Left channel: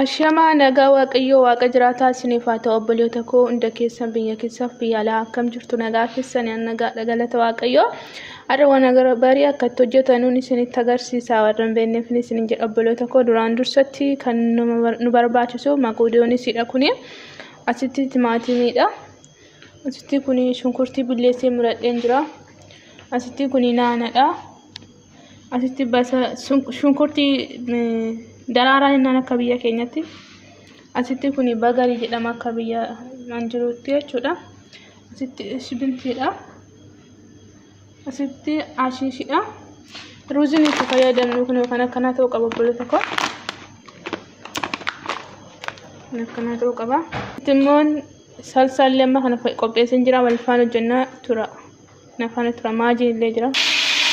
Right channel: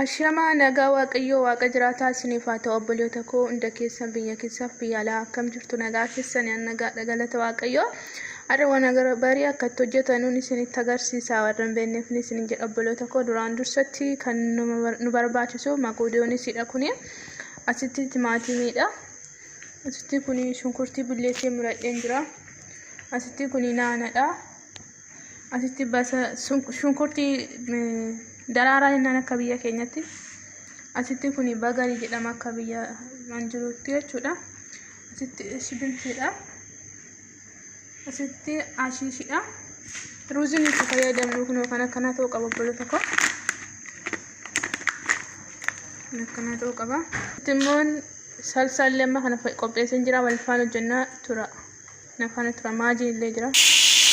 Ashama nagaa waaqayyo waaqa jiraataa isiniif haa ta'u obboleeta koo hunda keessan biyya keessaaf biyya alaa akkam jirtu nagaa keessan nagaa galata waaqayyo ara waan barii akka hojjetanuun isinitti agarsiisa warreen beekneef isin jedha obboleeta koo duraan dursatti kan nu barbaachisu maquudiyoonisidha kuni asitti timaatimiidha asitti kuni shunkurtii billeetii muradheen jira asitti kuni naanadha asitti basa shunkurtii daraaraa innaan akka biyya keenyatti asitti kuni bagarii jedhama akka biyya manjiruutti jechuudha asitti shibintiidha asitti ashiishidha ruuziin itti fayyadamnu kun kan akkanaa ta'uu qaba obboleeta koo akkanaa ta'uu qaba timmoon salsaallee amma kana qopheessan jira wal faana hojjannaa tura nafaana tura maajii illee jira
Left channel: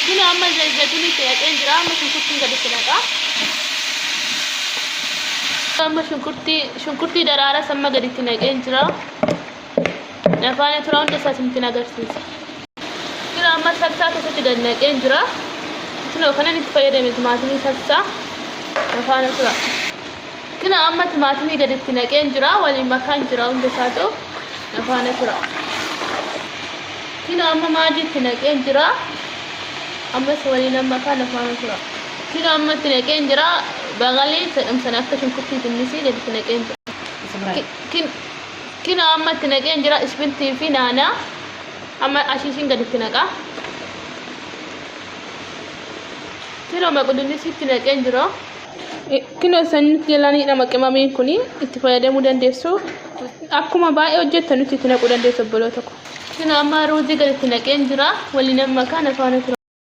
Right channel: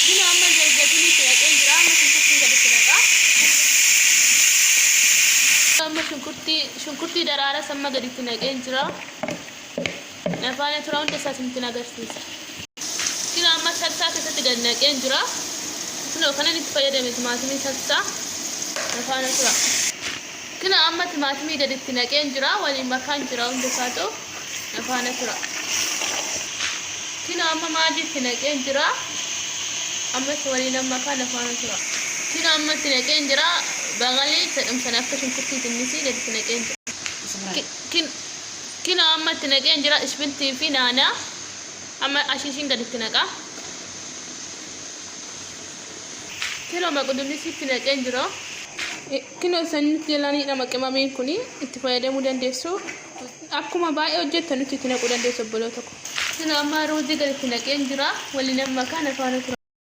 kun amma zayituun itti dhaqeen jira amma shunkurtiin gadi filadha amma shunkurtii daraara samma gaditti naqeen jira nafaana tura hunda isaa isinitti agarsiisa kina amma salsaa keessatti gad naqeen jira kina kanan itti fayyadame timaatimii salsaa nafaana tura kina amma timaatimii gaditti naqeen jira waliin makaan jira hunda isaa ta'u nafaana tura kina amma maajiitti naqeen jira amma waliin makaan nafaana tura kina amma itti naqeen jira bagalee sedumsan akka shunkurtii dinnisii gaditti naqeen jira kina amma itti naqeen jira ishbintii fi naanaa amma ashiishiin gaditti naqa kina maquudinisi itti naqeen jira kina sanitti jalaniidha maqimamiin kuni itti fayyadamuu dandeessu akkuma baay'ee hojjettanutti itti naquu dandeessu obboloota koo kina amma ruuzii gaditti naqeen jira waliin makaan nafaana tura